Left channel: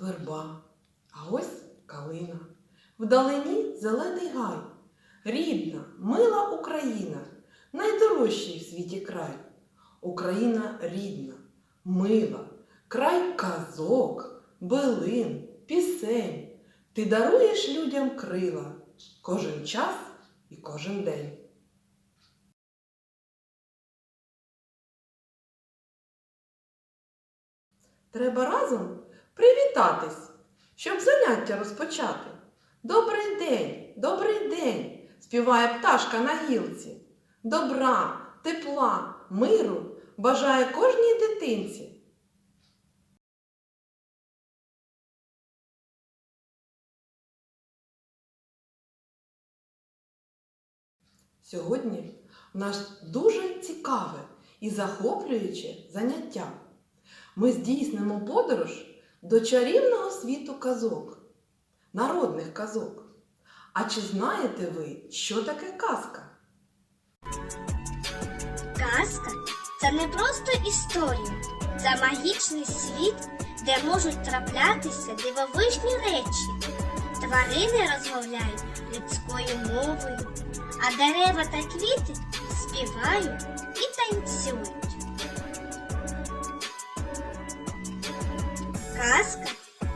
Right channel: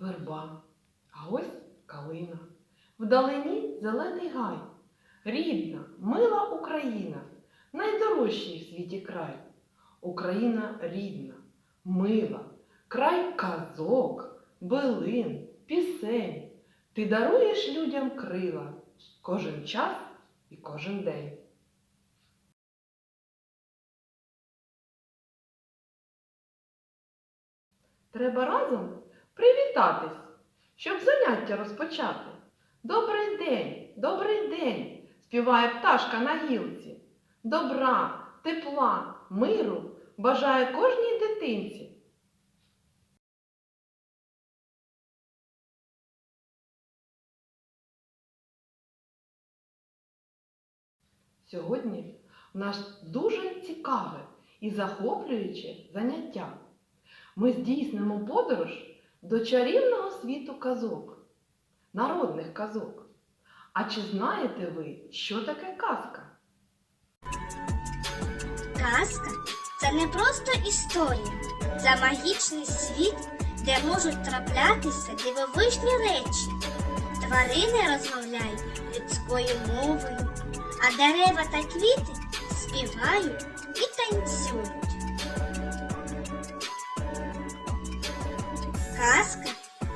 верба, а ось калина. Вдалині зелений гай. Рідна, мила Україна, найдорожчий в світі край. Україна рідна, мила, край казок, билин, пісень. Ти даруєш людям крила кожен час і кожен день. Треба разом привітатись, щоб заняття розпочати. Добрий день, добрий день, співає пташка на гілці. Добра, тепла, миру бажає кожній дитинці. Сьогодні у нас дуже цікаве і захоплююче заняття. Ми здійснимо подорож до чарівного світу казок, народних казок. А чи знаєте ви, що таке казка? Казка це не просто історія, це магічний світ, де можуть траплятися дивовижні речі. Тварини розмовляють людською мовою, а дерева та квіти співають і танцюють.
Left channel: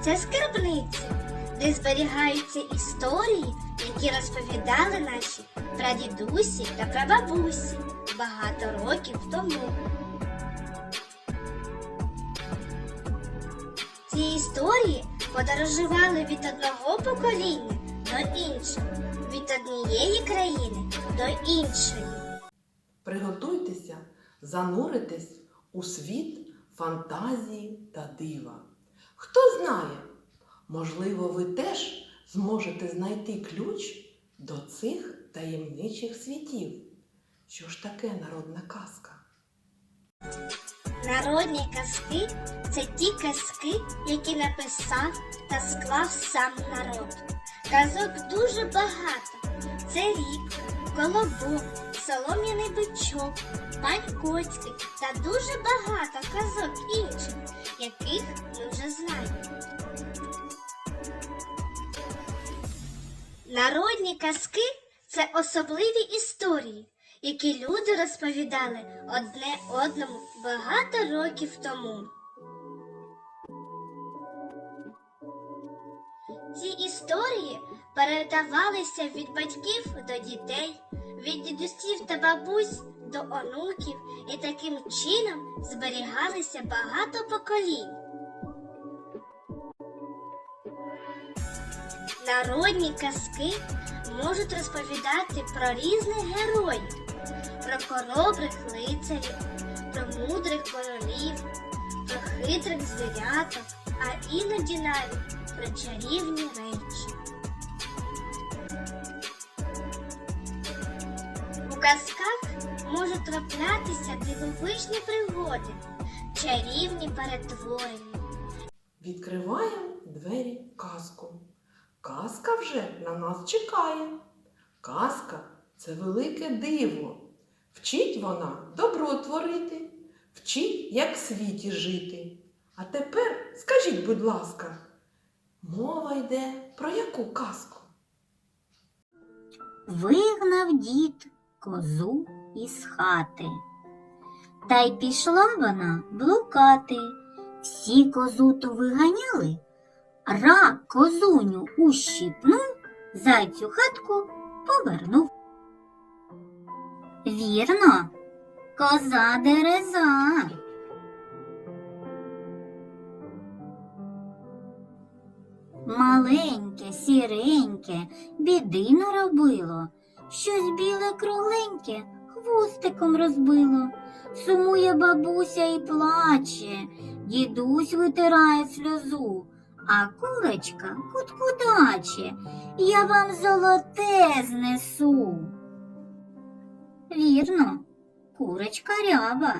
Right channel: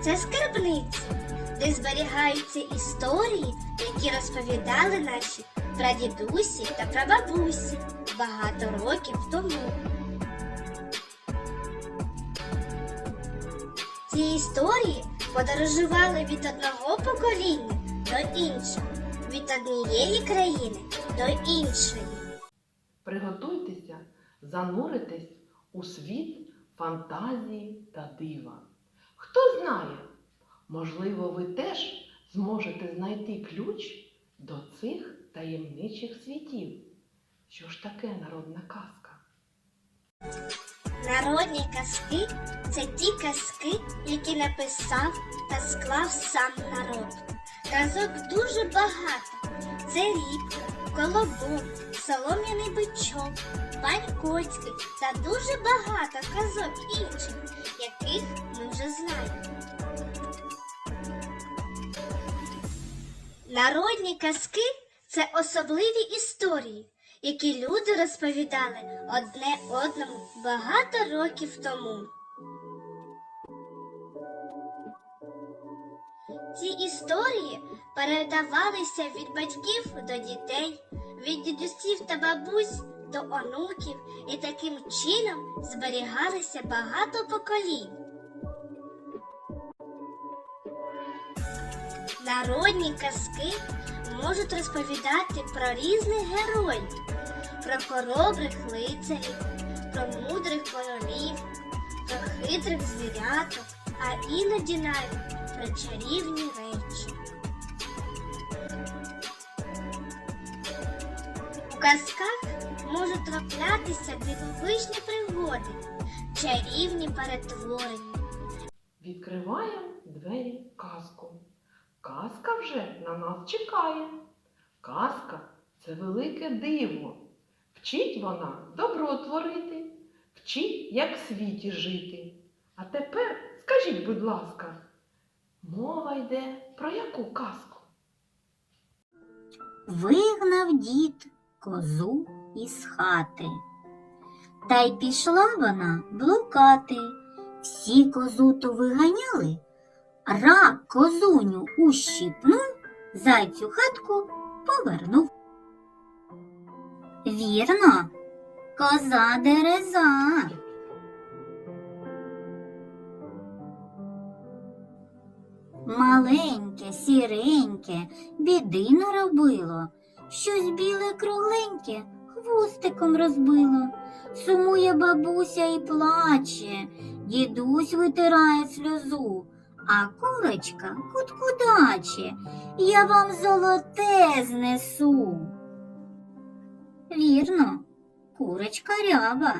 Це скарбниця, де зберігаються історії, які розповідали наші прадідусі та прабабусі багато років тому. Ці історії подорожували від одного покоління до іншого, від однієї країни до іншої. Приготуйтеся зануритись у світ фантазії та дива. Хто знає, можливо, ви теж зможете знайти ключ до цих таємничих світів. Що ж таке народна казка? Народні казки це ті казки, які написав та склав сам народ. Казок дуже багато. Це рібка, колобок, солом'яний бичок, пань Коцький та дуже багато казок інших, Народні казки це особливі історії, які люди розповідали одне одному багато років тому. Ці історії передавалися від батьків до дітей, від дідусів та бабусь до онуків, і таким чином зберігалися багато поколінь. Народні казки можуть розповідати про різних героїв, про хоробрих лицарів, про мудрих королів, про хитрих звіряток, а іноді навіть про чарівні речі. У казках можуть траплятися дивовижні пригоди, чарівні перетворення. Відкриваємо двері казку. Казка вже на нас чекає. Казка це велике диво. Вчить вона добро творити, вчить, як в світі жити. А тепер скажіть, будь ласка, мова йде про яку казку? Вигнав дід козу із хати. Та й пішла вона блукати. Всі козу ту виганяли, рак козуню ущипнув, зайцю хатку повернув. Вірно, коза дереза. Маленьке, сіреньке, біди наробило, щось біле кругленьке хвостиком розбило. Сумує бабуся і плаче, дідусь витирає сльозу, а курочка куткудаче, я вам золоте знесу. Вірно, курочка ряба.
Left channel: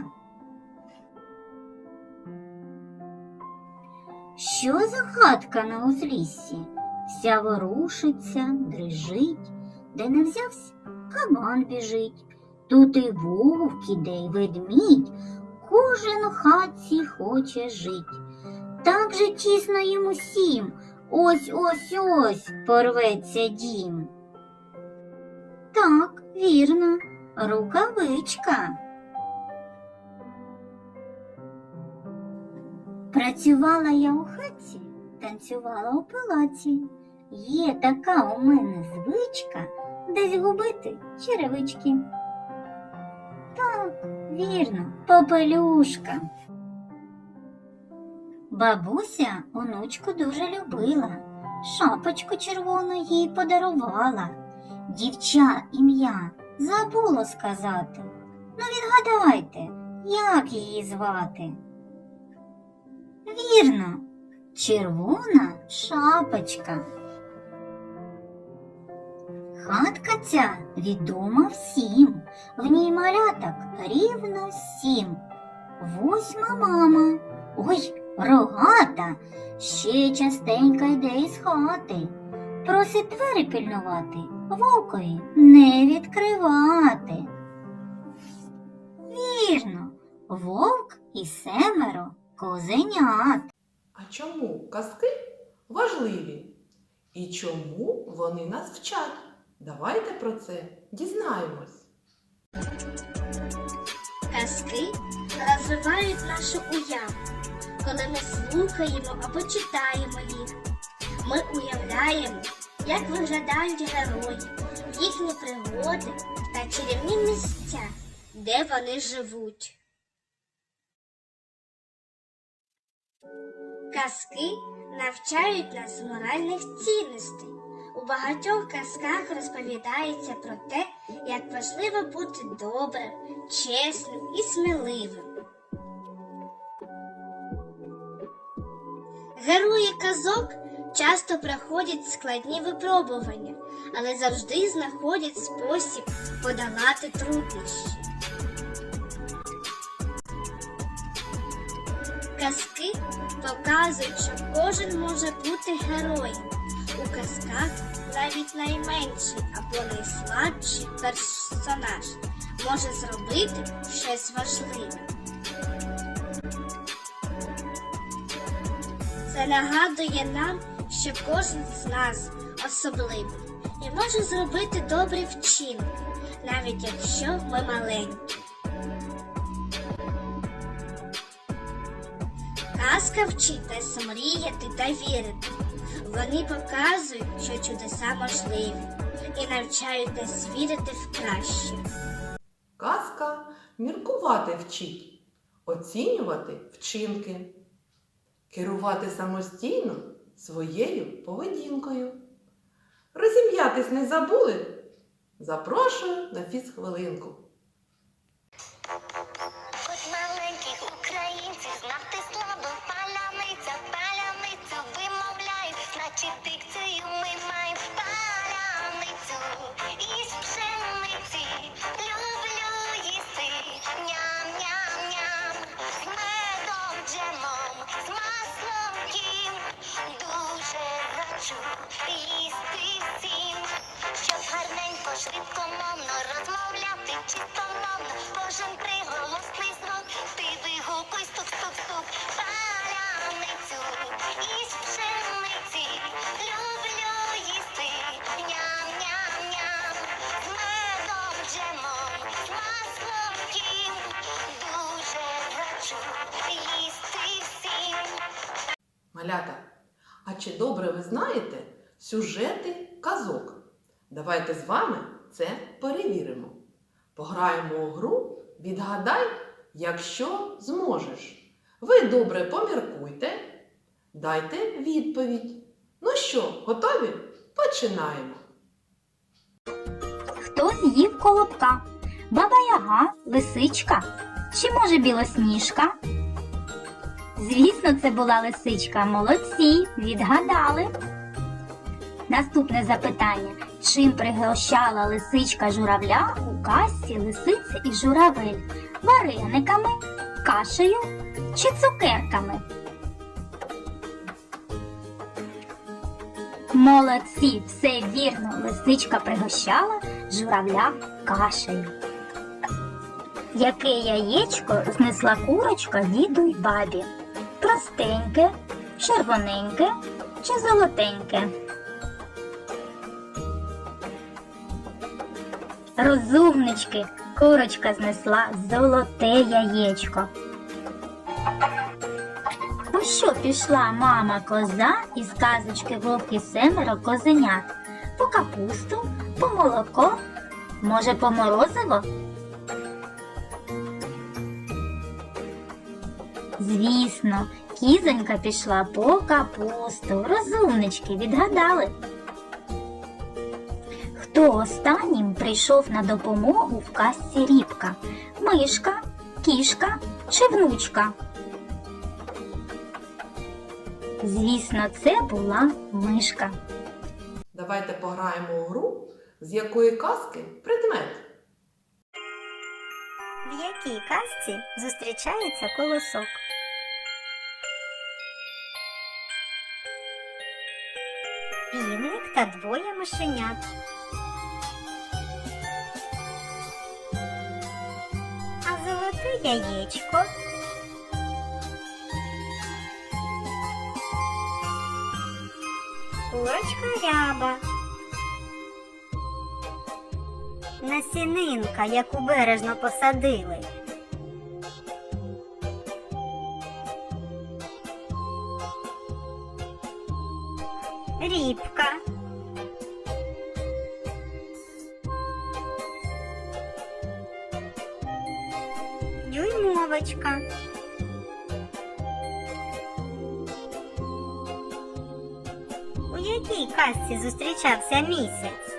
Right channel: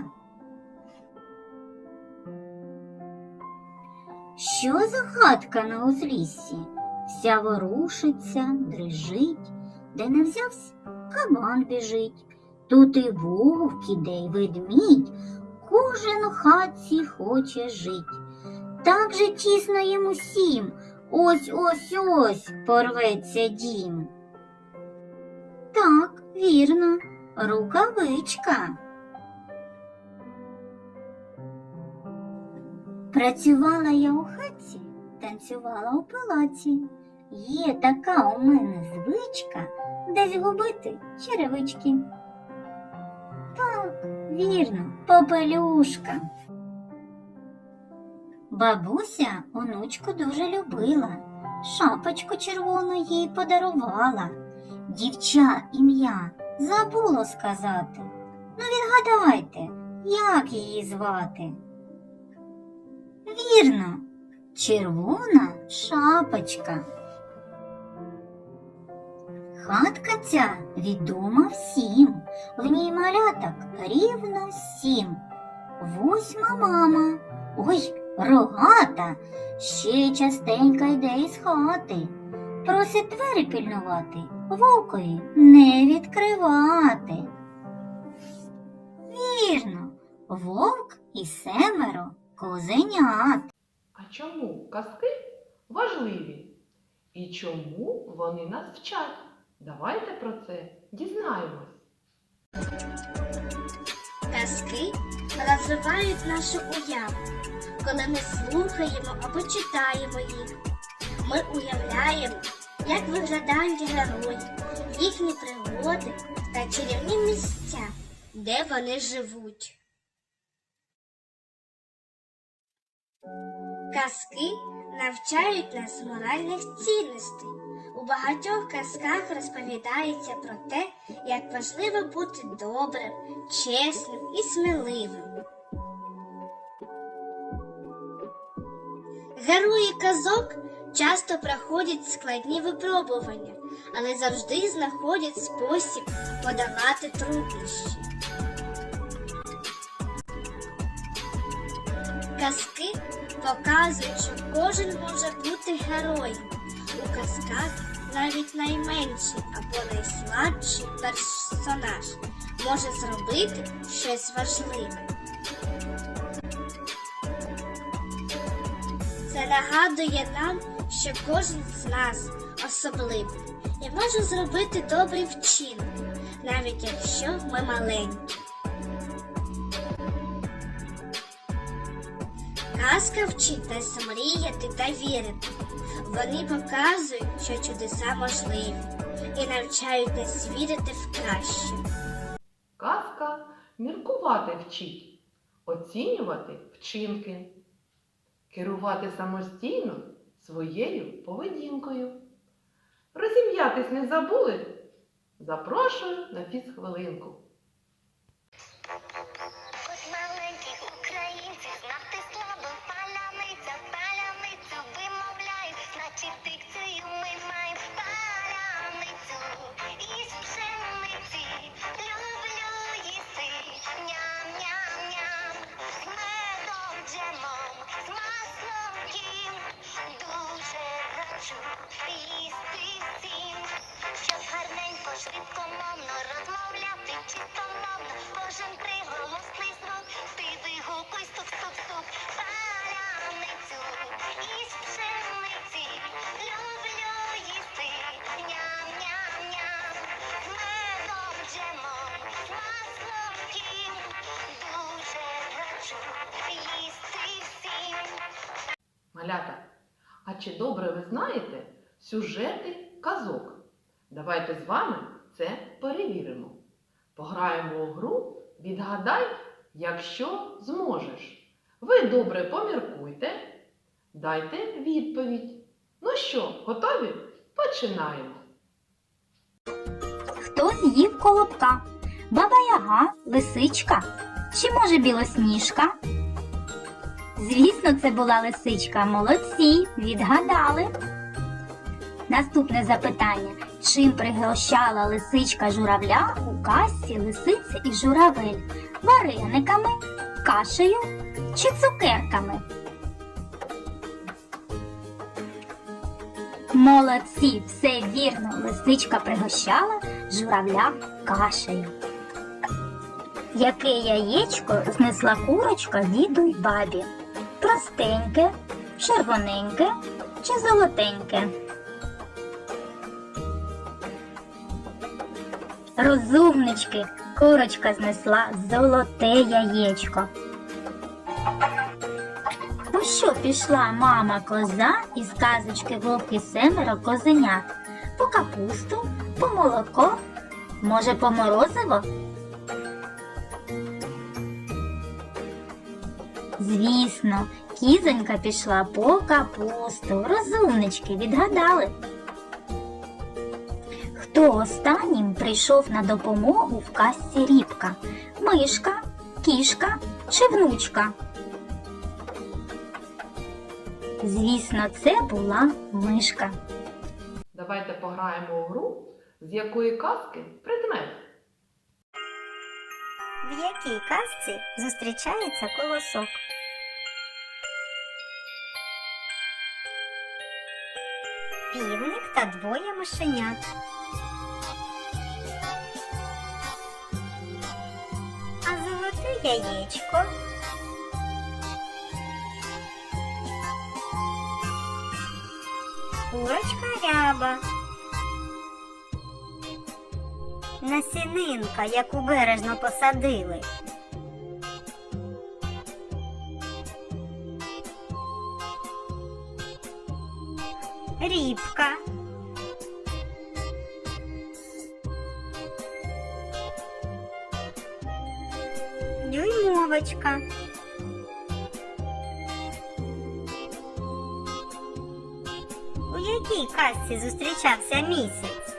Що за хатка на узліссі? Вся ворушиться, дрижить, де не взявся, кабан біжить. Тут і вовк іде, й ведмідь, кожен у хатці хоче жить. Так же тісно їм усім. Ось ось ось порветься дім. Так, вірно, рукавичка. Працювала я у хаті, танцювала у палаці. Є така у мене звичка десь губити черевички. Так, вірно, попелюшка. Бабуся онучку дуже любила, шапочку червону їй подарувала. Дівча ім'я забуло сказати. Ну відгадайте, як її звати? Вірно, червона шапочка. Хатка ця відома всім, в ній маляток рівно сім. Восьма мама, ой, рогата, ще частенько йде із хати. Просить двері пільнувати, вовкові не відкривати. Вірно, вовк і семеро козенят. А чому казки важливі? І чому вони нас вчать? Давайте про це дізнаємось. Казки розвивають нашу уяву, коли ми слухаємо або читаємо їх. Ми уявляємо, як виглядають герої, їхні пригоди та чарівні місця, де вони живуть. Казки навчають нас моральних цінностей. У багатьох казках розповідається про те, як важливо бути добрим, чесним і сміливим. Герої казок часто проходять складні випробування, але завжди знаходять спосіб подолати труднощі. Казки показують, що кожен може бути героєм. У казках навіть найменший або найслабший персонаж може зробити щось важливе. Нагадує нам, що кожен з нас особливий і може зробити добрий вчинок, навіть якщо ми маленькі. Казка вчить мріяти та вірити. Вони показують, що чудеса можливі, і навчають нас вірити в краще. Казка міркувати вчить, оцінювати вчинки, керувати самостійно своєю поведінкою. Розім'ятись не забули? Запрошую на фізхвилинку. Малята, а чи добре ви знаєте сюжети казок? Давайте з вами це перевіримо. Пограємо у гру Відгадай, якщо зможеш. Ви добре поміркуйте, дайте відповідь. Ну що, готові? Починаємо. Хто з'їв колобка? Баба Яга, лисичка чи може білосніжка? Звісно, це була лисичка. Молодці, відгадали. Наступне запитання. Чим пригощала лисичка журавля у касці лисиці і журавель? Варениками, кашею чи цукерками? Молодці, все вірно. Лисичка пригощала журавля кашею. Яке яєчко знесла курочка діду бабі? Простеньке, червоненьке чи золотеньке? Розумнички, курочка знесла золоте яєчко. У що пішла мама коза із казочки вовки семеро козенят? По капусту, по молоко, може, по морозиво? Звісно, кізонька пішла по капусту. Розумнички відгадали. Хто останнім прийшов на допомогу в казці рібка? Мишка, кішка чи внучка? Звісно, це була мишка. Давайте пограємо у гру, з якої казки предмет. В якій казці зустрічається колосок? Півник та двоє мишенят. А золоте яєчко. Курочка ряба. Насінинка, яку бережно посадили. Рібка. Дюймовочка. У якій казці зустрічався місяць?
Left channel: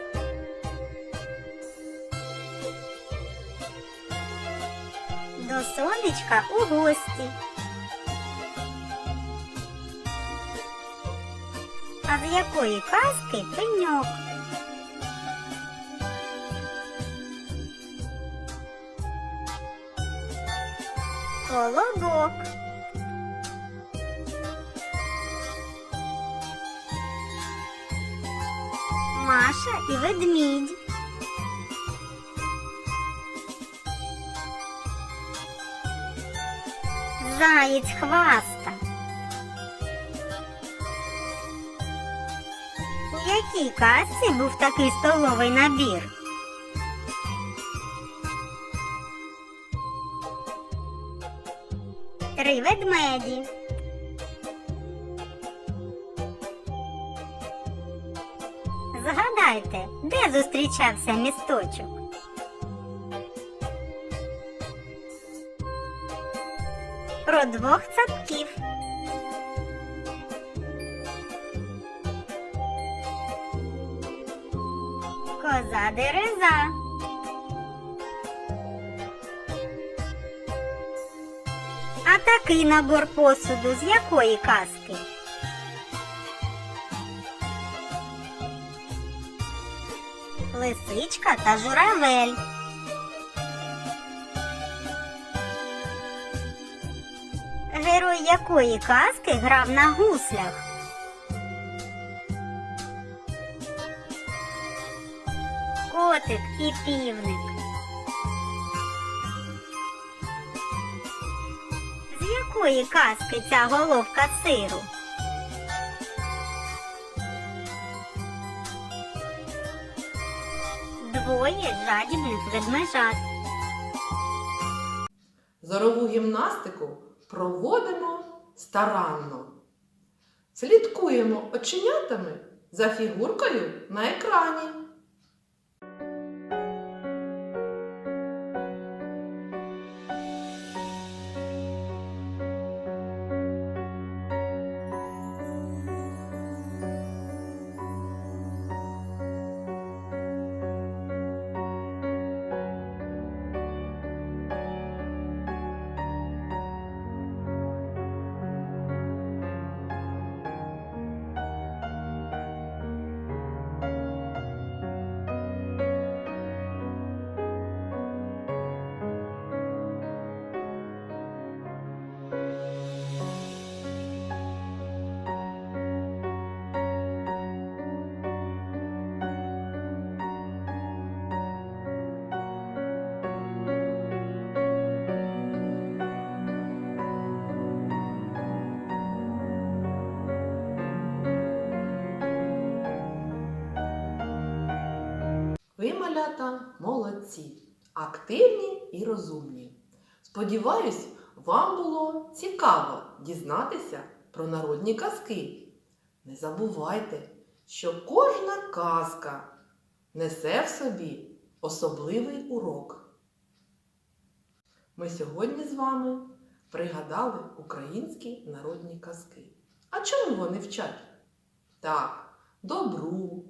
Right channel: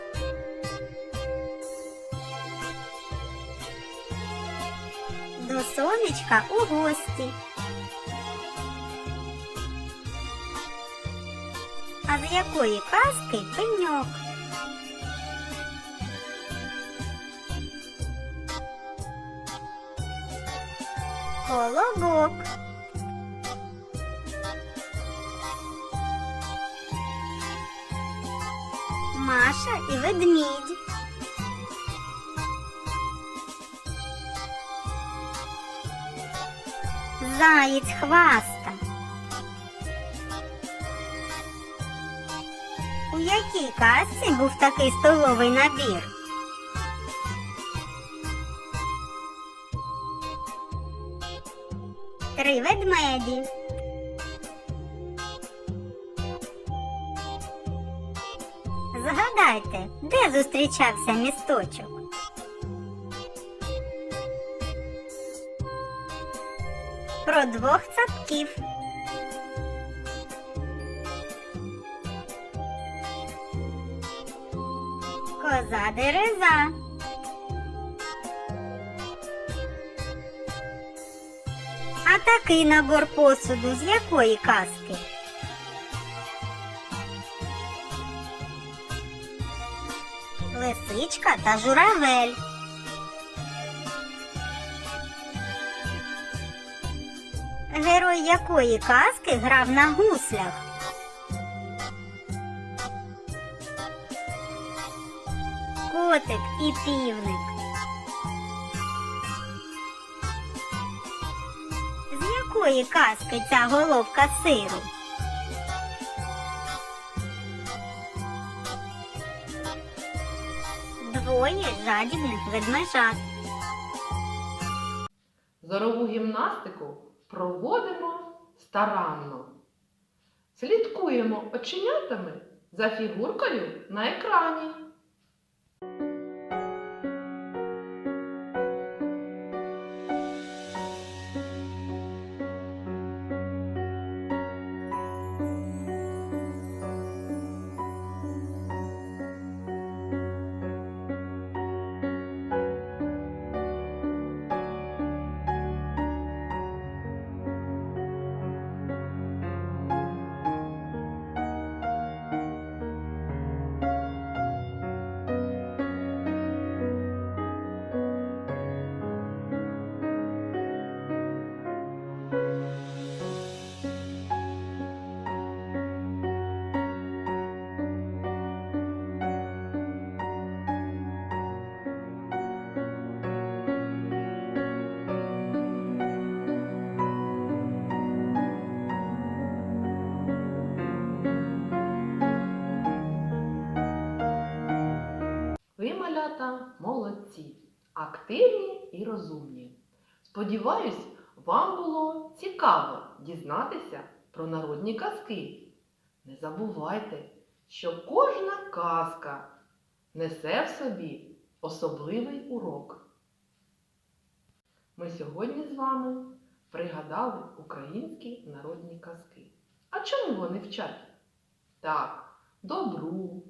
До сонечка у гості. А з якої казки пеньок? Колобок. Маша і ведмідь. Заєць хваста. У якій казці був такий столовий набір? Три ведмеді. Згадайте, де зустрічався місточок? Про двох цапків. Коза дереза. А такий набор посуду з якої казки? Лисичка та журавель. Герой якої казки грав на гуслях? Котик і півник. З якої казки ця головка сиру? Двоє жадібних ведмежат. Зорову гімнастику проводимо старанно. Слідкуємо оченятами за фігуркою на екрані. Малята молодці, активні і розумні. Сподіваюсь, вам було цікаво дізнатися про народні казки. Не забувайте, що кожна казка несе в собі особливий урок. Ми сьогодні з вами пригадали українські народні казки. А чому вони вчать? Так, добру,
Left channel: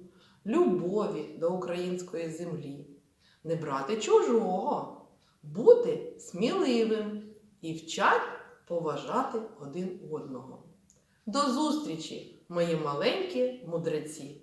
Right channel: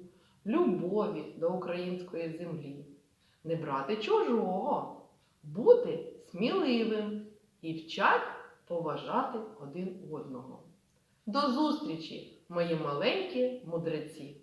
любові до української землі, не брати чужого, бути сміливим і вчать поважати один одного. До зустрічі, мої маленькі мудреці!